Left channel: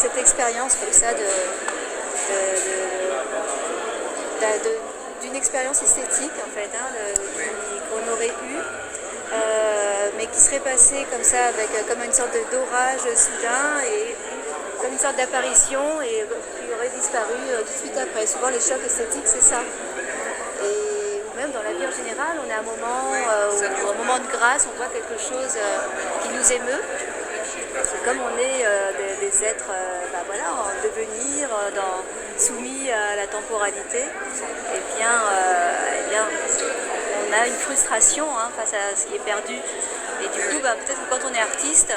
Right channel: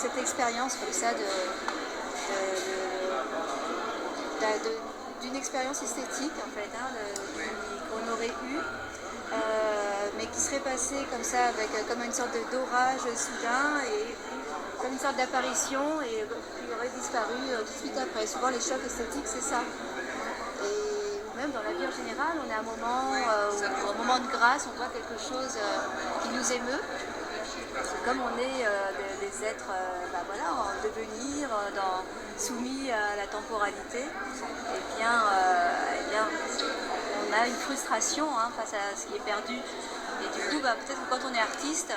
cette expérience comme ça d'une expérience esthétique en fait, hein, qu'on aurait eue, mais qui serait passée comme ça avec comme une sorte d'orage soudain et comme une sorte d'apparition et qui aurait disparu tout de suite après. Souvent les chocs esthétiques c'est ça. Et même dans la vie en général, on a un moment, un moment de grâce, on voit quelque chose qui nous émeut. C'est comme on est des êtres voilà, en devenir, soumis à la temporalité, eh bien, on a une frustration face à ce qui est perdu. Et du coup, peut-être que quand on est artiste,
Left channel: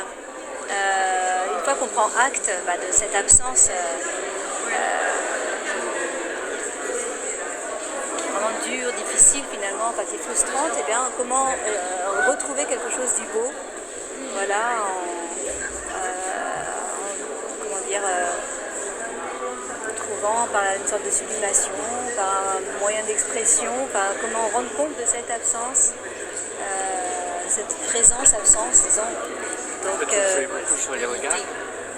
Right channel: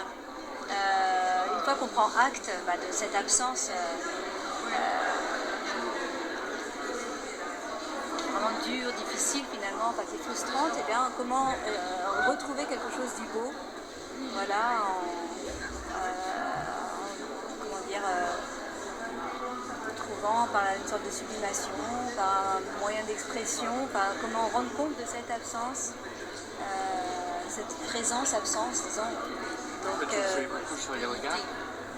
une fois qu'on prend acte de cette absence qui est vraiment dure, difficile finalement, qui est frustrante, eh bien, comment retrouver quelque chose du beau, voilà, trouvant par une sorte de sublimation, par un moyen d'expression, comment rendre compte de cette absence, cette présence-absence, disons. Donc, jouer beaucoup sur les regards.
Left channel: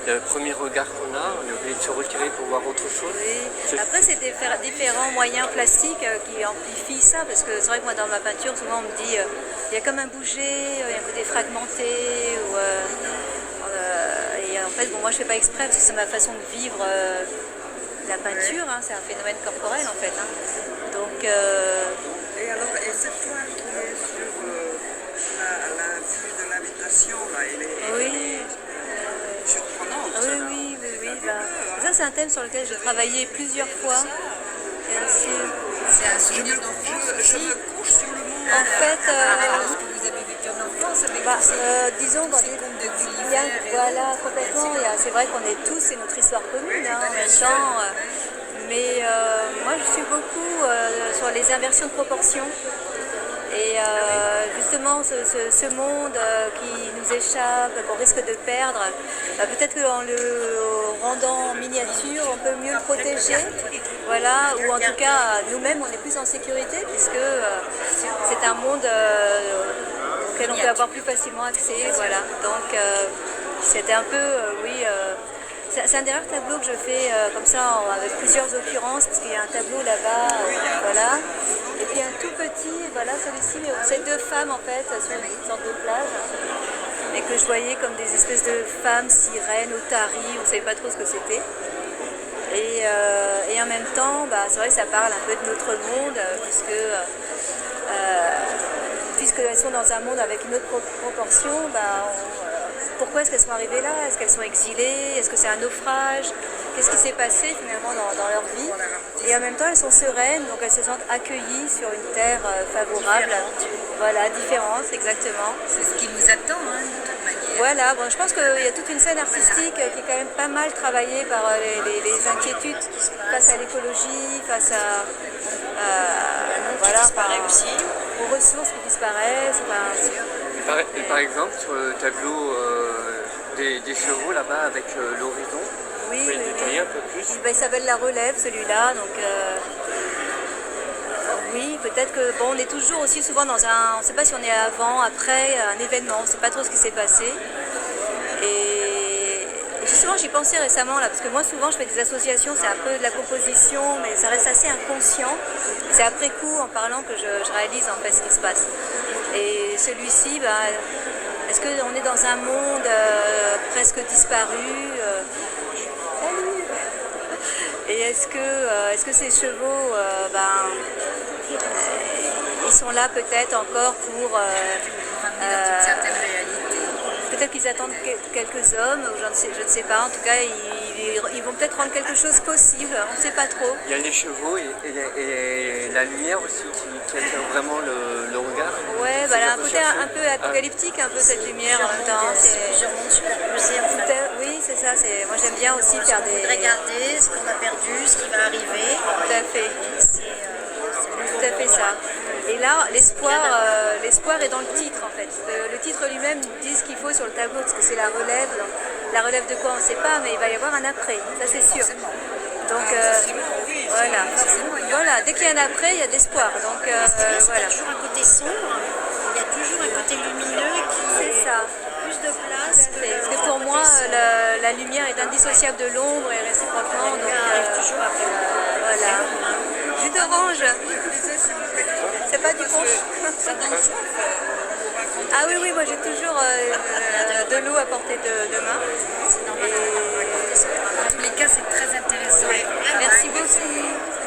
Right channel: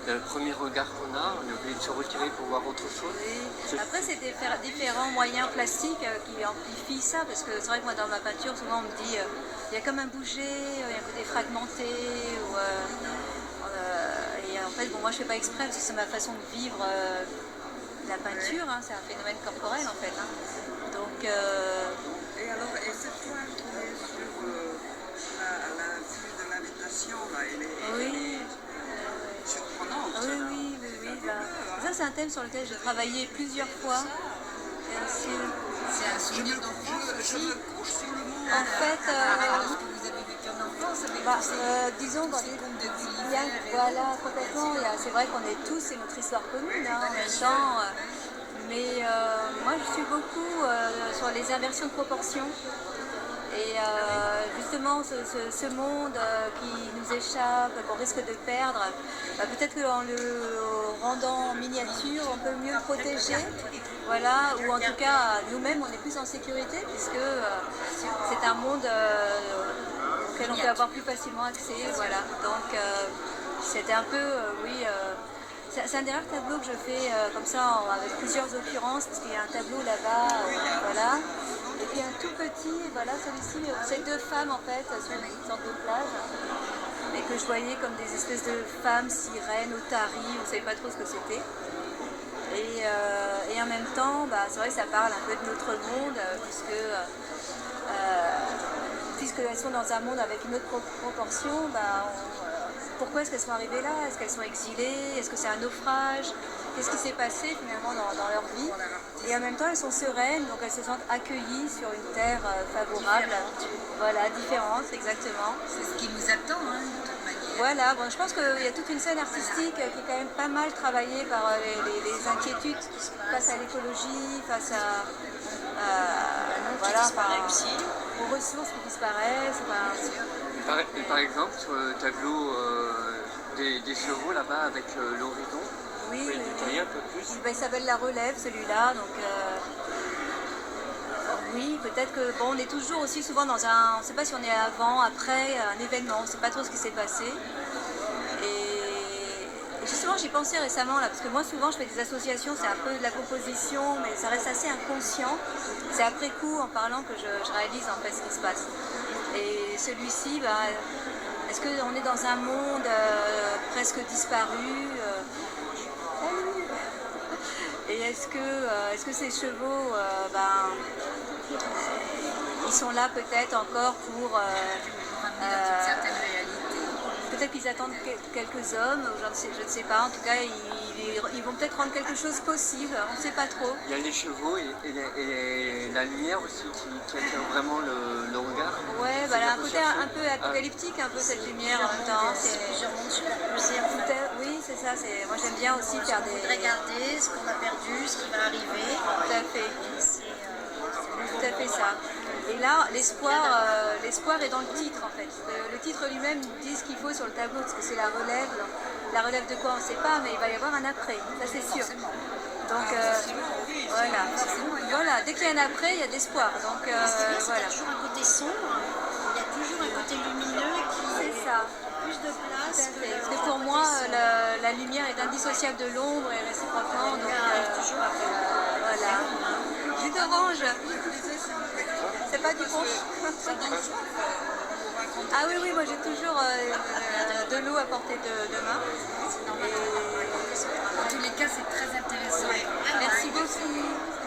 Le premier regard qu'on a, on est obligé de se retirer pour voir autre chose. Oui. Après, c'est faire différents moyens plastiques qui amplifient ça, parce que c'est vrai que moi, dans ma peinture, souvent, on me dit il y a comme un bouger, il y a un côté fragmenté, et en fait, moi, je ne fais pas exprès, parce que c'est ma façon de vivre la peinture, c'est un phénomène corporel, en fait. Donc, Et alors, et cette toile qui est sur la vue de l'habitation, elle est surprenante. Oui. Ça, c'est un thème sur lequel j'ai travaillé plusieurs fois. C'est un souvenir d'enfance aussi. Je me couche sur le monde. En fait, Parce que vous avez vécu en enfance avec disons ces contes de il y a, Gulliver. voilà, complètement. C'est vrai qu'on est tous, c'est notre histoire commune en même temps. Mais moi, je suis beaucoup sur les inversions de proportions. Et justement, ce monde qui nous échappe, qu'on risque de perdre, peut-être qu'en le rendant en miniature, on peut mieux le protéger. Voilà, ou en tout cas, nous-mêmes, on est plus en sécurité, puisque c'est un monde auquel on peut avoir plus facilement accès. Voilà. Donc, c'était un peu, c'est un des rares tableaux que je fais comme ça, avec plusieurs occurrences, parce qu'il y a un tableau là-bas, voilà. Et puis un tout petit, voilà, celui-ci, c'est deux femmes en fait, sur une sorte de plage, et que je voyais comme des espèces de femmes sirènes, otaries, on ne savait pas trop ce que c'était. Et en même temps, c'est vrai que ça parle un peu de notre monde, puisqu'elles sont dans un monde avec une autre proportion, pourquoi est-ce qu'elles sont arrivées là? Est-ce qu'elles sont exilées? Est-ce que c'est un naufrage? Qu'est-ce qui s'est passé finalement dans leur vie? Et en même temps, elles sont sereines, donc elles se sentent accueillies sur une terre favorable. Voilà, différente, exactement. C'est ce qui nous attend, de toute manière. Voilà, je pense qu'il y a toute une scène artistique qui est quand même pas mal travaillée par les inquiétudes face à l'écologie, face à... qui disparaît aussi. Aux ressources qui disparaissent. Et par exemple, sur le tableau des chevaux là-bas avec l'horizon, oui, vous pouvez le détailler un peu plus? Il s'appelle La Relève, celui-là. Donc, oui, peut-être que on est toujours aussi souvent dans on ne sait pas si on est avant, après un événement, on ne sait pas trop ce qui s'est passé. Et justement, j'y pensais récemment là, parce que moi souvent je fais des associations, c'est un peu de la composition, mais ça reste assez inconscient. C'est après coup, en parlant, que je réalise en fait ce qui se passe. Et celui-ci, est-ce qu'on est dans un monde presque disparu? Et est-ce que ces chevaux, ils sont là peut-être encore pour... Dans une certaine réalité. Peut-être qu'ils attendent quelques hommes, je ne sais pas. En tout cas, ils vont peut-être rendre quelque chose possible, on ne sait pas trop. Il y a les chevaux et la lumière aussi qui attire vraiment le regard. Ouais, un côté un peu apocalyptique, un peu cette lumière en même temps. Plusieurs mondes superposés en fait. Oui, c'est ça. Moi j'aime bien aussi faire des... Regarder ce qu'on a perdu, ce qui va arriver. Tout à fait. C'est tout à fait ça. Et là, l'espoir est dans le titre en fait. Le titre lui-même dit ce qu'il faut sur le tableau, parce que c'est la relève. Donc, la relève de quoi on ne sait pas, mais il va y avoir un après, ça c'est sûr. Donc voilà, dès qu'il y a un après, il y a de l'espoir. Donc Il y a toujours un côté sombre, il y a toujours un côté lumineux qui c'est ça. plus de place. Parce que pour moi, la lumière est indissociable de l'ombre et réciproquement. Donc, voilà. Jus d'orange. C'est pas du punch. Ah oui, oui, moi j'ai toujours de l'eau à portée de main. En tous les cas, c'est très intéressant. Merci beaucoup. Ça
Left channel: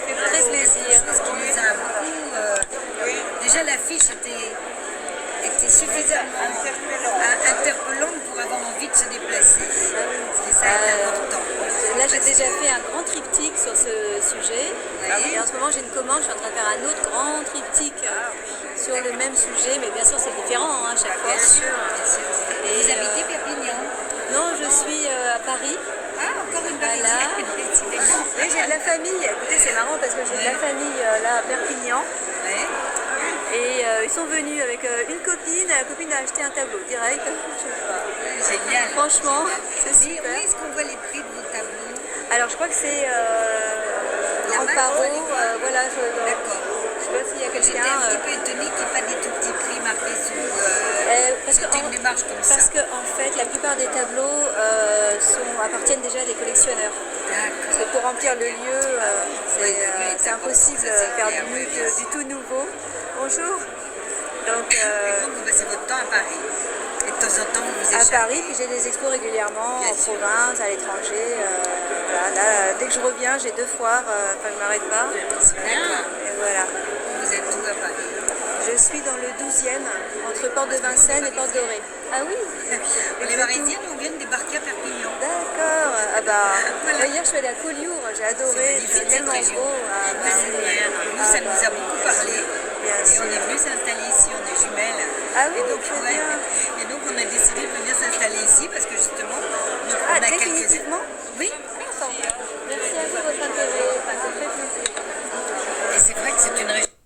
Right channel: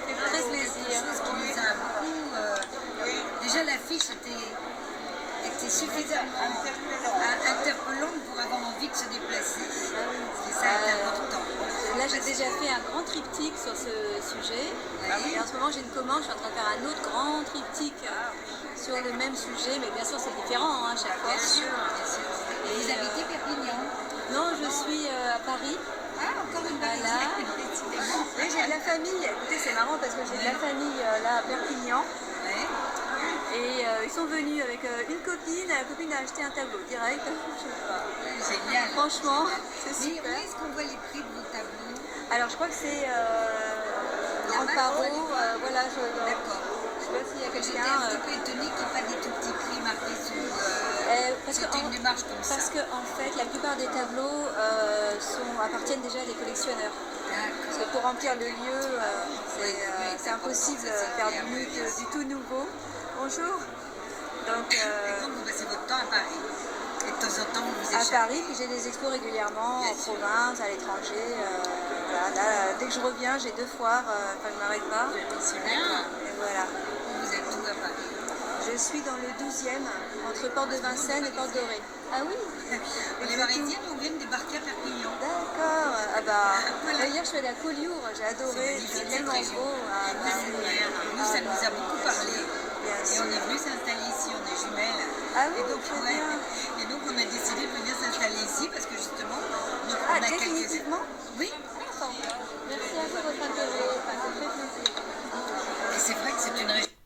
fait très plaisir. Quelque chose qui nous a beaucoup. Déjà, l'affiche était suffisamment interpellante pour avoir envie de se déplacer. Et ça est important. Là, j'ai déjà fait un grand triptyque sur ce sujet. Oui. Et en ce moment, j'ai une commande. Je suis en train de faire un autre grand triptyque sur le même sujet. Mais bien sûr, c'est différent à chaque fois. Bien sûr, bien sûr. Et vous habitez Perpignan? Non, je suis à Paris. Ah, encore une Voilà. Oui, j'ai de la famille. Écoutez, c'est marrant parce que j'ai de la famille là à Perpignan. Ouais. Et ils sont venus avec une copine. La copine a acheté un tableau direct. Génial. Franchement, c'est Mais super. où est-ce qu'on voit les prix de vos tableaux? Alors, je crois que c'est en Là-bas, paro. on va les voir. Voilà, D'accord. je sais pas s'il y a J'étais quelqu'un. un petit peu étonnée qu'il n'y ait pas des tout petits prix marqués sous. Parce que C'était une démarche comme ça. Parce que en fait, la plupart des tableaux appartiennent déjà à des collectionneurs. Parce D'accord. que pour remplir le lieu, Oui, c'est impossible ça, de c'est faire clair, oui, bien du tout nouveau. Bonjour. Donc Et donc, vous passez votre temps à Paris. Et de temps en temps, vous vous à échappez. Paris, puis j'ai des expos régulièrement Bien en sûr. province, à l'étranger. Voilà, là, dès que je reviens, j'ai 2 foires, enfin je ne m'arrête pas. C'est bien. Et voilà. Vous êtes où à Paris? Je suis dans le 12e, entre Porte de Vincennes et Porte Dorée. Ah oui. Les Parisiens, on vient de débarquer à Perpignan. D'accord. Ah bah, Voilà. hier je suis allée à Collioure, j'ai adoré, C'est c'est magnifique, tellement cette région. beau. Ah, bah, Nous, ça nous a beaucoup parlé. Bien Et sûr. on est venu s'installer ici, on est jumelles. Ah oui, et donc, très ouais. bien. Et donc, on a décidé de venir s'installer ici parce que justement, on Ah, a quelques. définitivement. Oui, Merci à vous de votre intérêt, ça me fait très plaisir. et c'est vrai que c'est une région.